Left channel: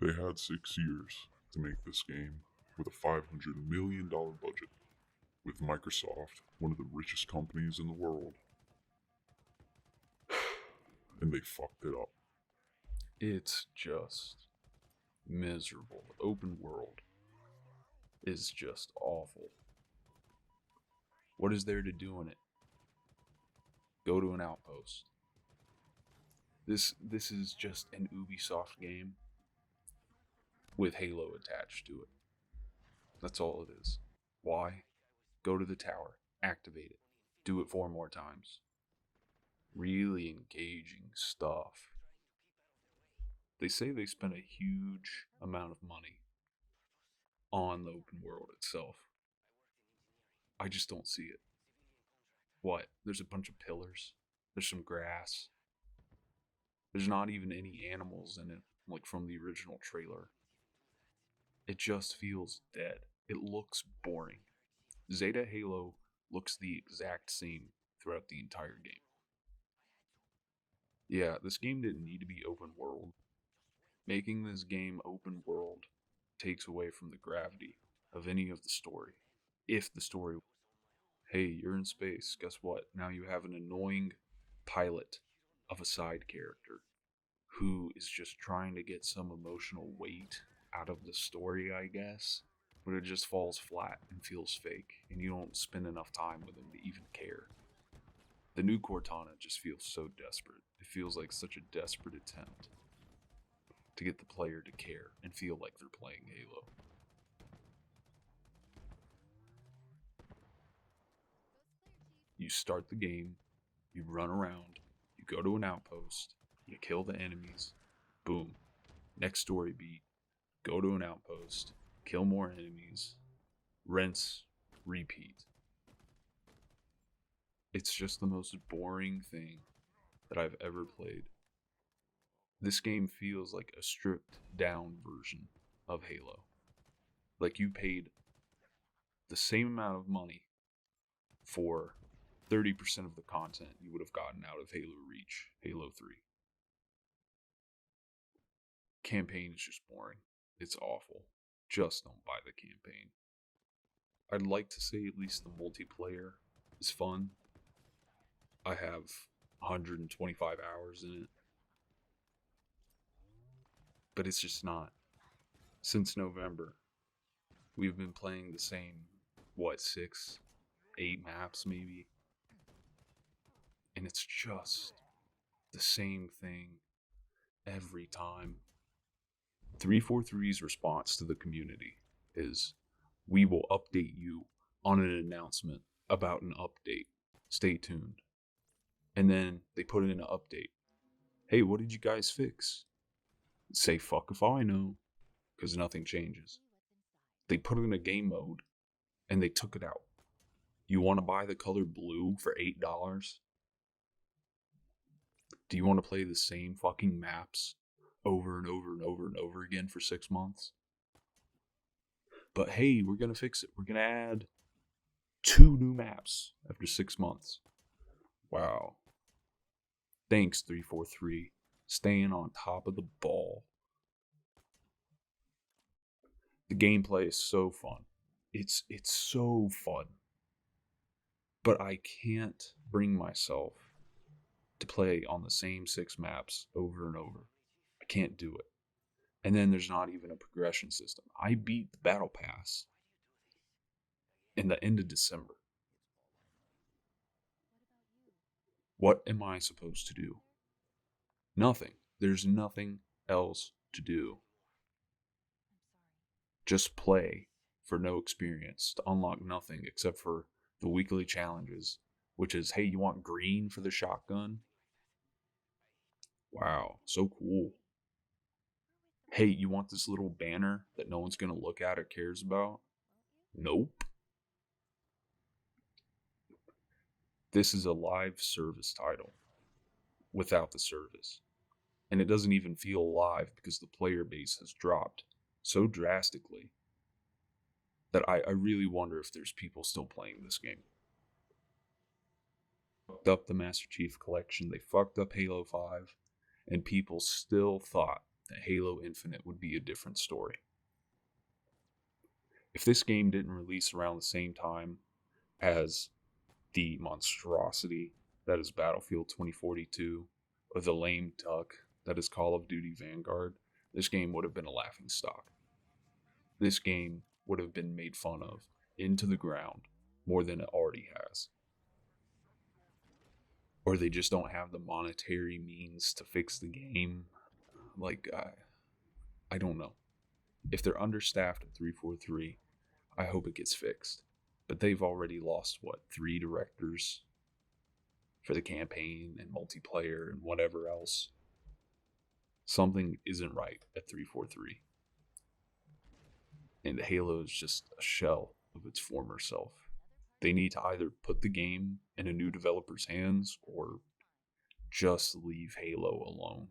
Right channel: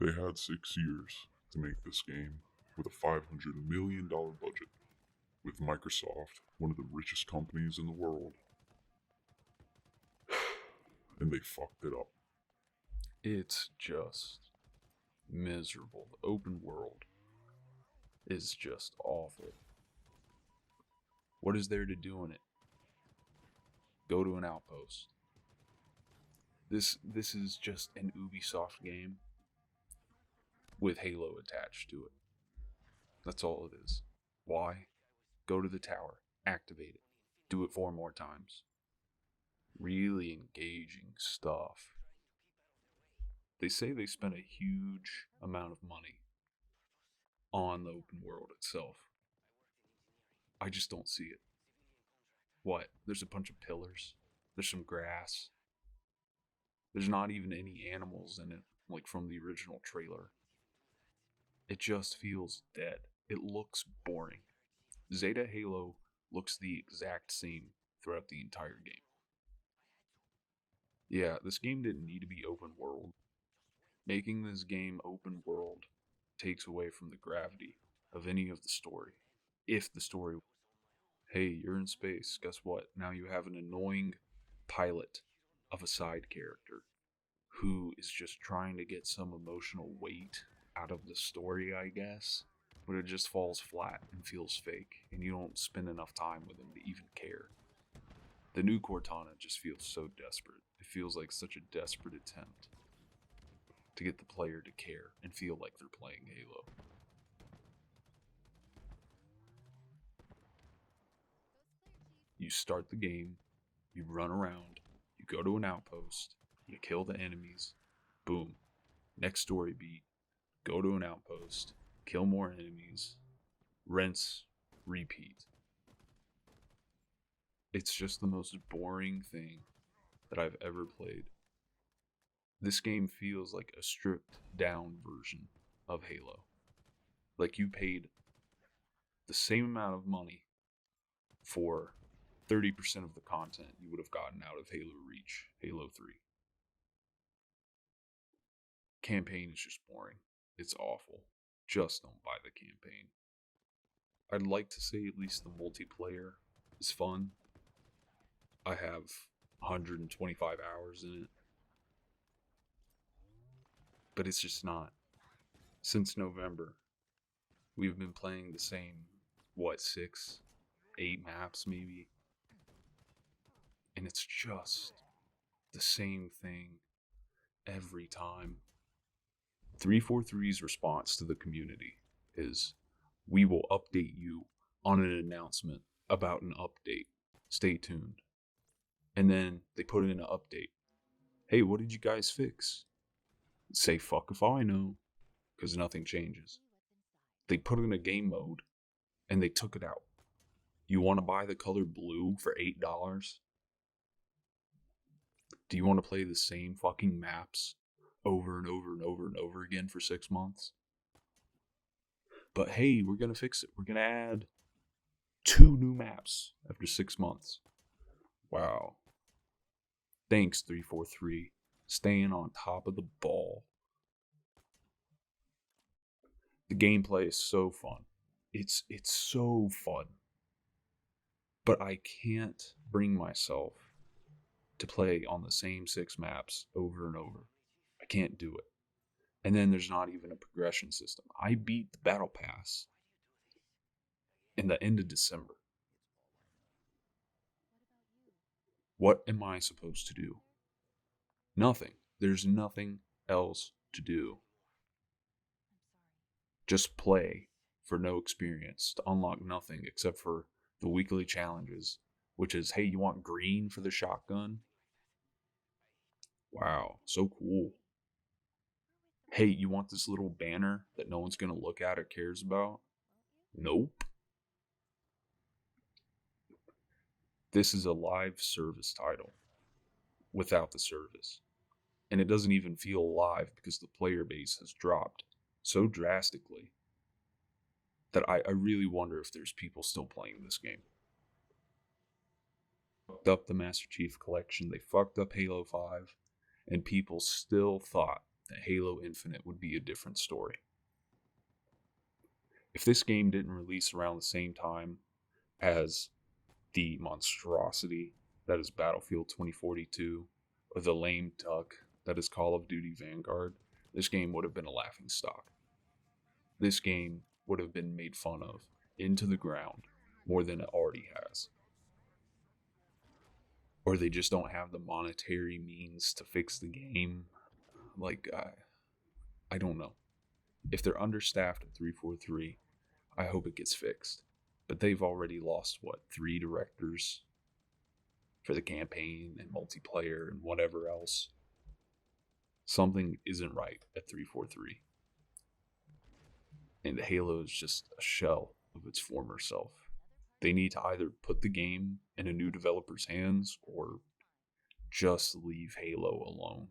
They had 6 years to make this game with a $500 million budget, with Microsoft, one of the richest companies in the world, and they fucked it up. It's just miserable. The open world is just awful. What is there to do in it? Go to an outpost. This is just an Ubisoft game with Halo attached to it. That's all it is. Why? Go to the tower, activate it, do it 4 more times. Really engaging stuff. They say they spent a huge amount of money on the open world itself. I just don't see it. What? There's a bunch of pillars. There's some grass. There's not even any animals in it, like from the original trailer. It just feels dead. It looks boring. Zeta Halo looks the exact same throughout the entire game. Yeah, this game didn't need to be open world. Making this game open world takes away from the gravity of any of the story. If the story, hey, you're in space, guess what? Now you have an annoying pilot of a side character who is just trying to get some emotional weight out of the story, I guess. But it just falls flat and feels fake, and you don't spend enough time with him to even care. The new Cortana just feels so desperate. It feels like such a desperate attempt to get the player to care and feel like they're playing Halo. You start the game, you run around, you go to an outpost, you kill the enemies, boom. Next story beat, go to an outpost, kill more enemies, rinse, repeat. It's just the most boring thing that I've ever played. This game feels like a stripped down version of Halo. Like you paid the same amount of money for 30% of the content you would have gotten out of Halo Reach, Halo 3. Campaign is just boring. It's awful. Just don't buy the campaign. I'd like to say at least the multiplayer is fun. I have 125 hours in it. But it's just not. Since November, we've been playing the same, 6, 8 maps maybe? And it's just the same thing every time. 343's response to the community is, we will update you on an announcement about an update. Stay tuned. And then they put in an update. Hey, what did you guys fix? Say fuck if I know, because nothing changes. They put in a game mode and they took it out. You want to buy the color blue for $8? Do you want to play the same fucking maps over and over and over and over again for 6 months? But hey, we're going to fix it. We're going to add 2 new maps after 6 months. Wow. Thanks, 343. Staying on top of the ball. The gameplay is so fun. It's so fun. But I can't bring myself to play on the same 6 maps over and over. I can't do it. And then there's not even a progression system. I beat the Battle Pass in the end of December. What am I supposed to do? Nothing. There's nothing else to do. Just play for no experience to unlock nothing except for the weekly challenges, which is, hey, you want green for the shotgun? Wow, so cool. Hey, you want this little banner that no one's going to look at or cares about? Nope. This is a live service title without the service. And it doesn't even feel live because the player base has dropped so drastically that I really wonder if there's people still playing this game. Fucked up the Master Chief Collection, they fucked up Halo 5, and people still thought that Halo Infinite would be a different story. If this game didn't release around the same time as the monstrosity that is Battlefield 2042 or the lame duck that is Call of Duty Vanguard, this game would have been a laughing stock. This game would have been made fun of into the ground more than it already has. Or they just don't have the monetary means to fix the game. I don't know. If they're understaffed at 343, I hope it gets fixed. But they've already lost, what, 3 directors for the campaign and multiplayer and whatever else. Something isn't right at 343. And Halo is just a shell of its former self. They need to either put the game in a new developer's hands or just leave Halo alone.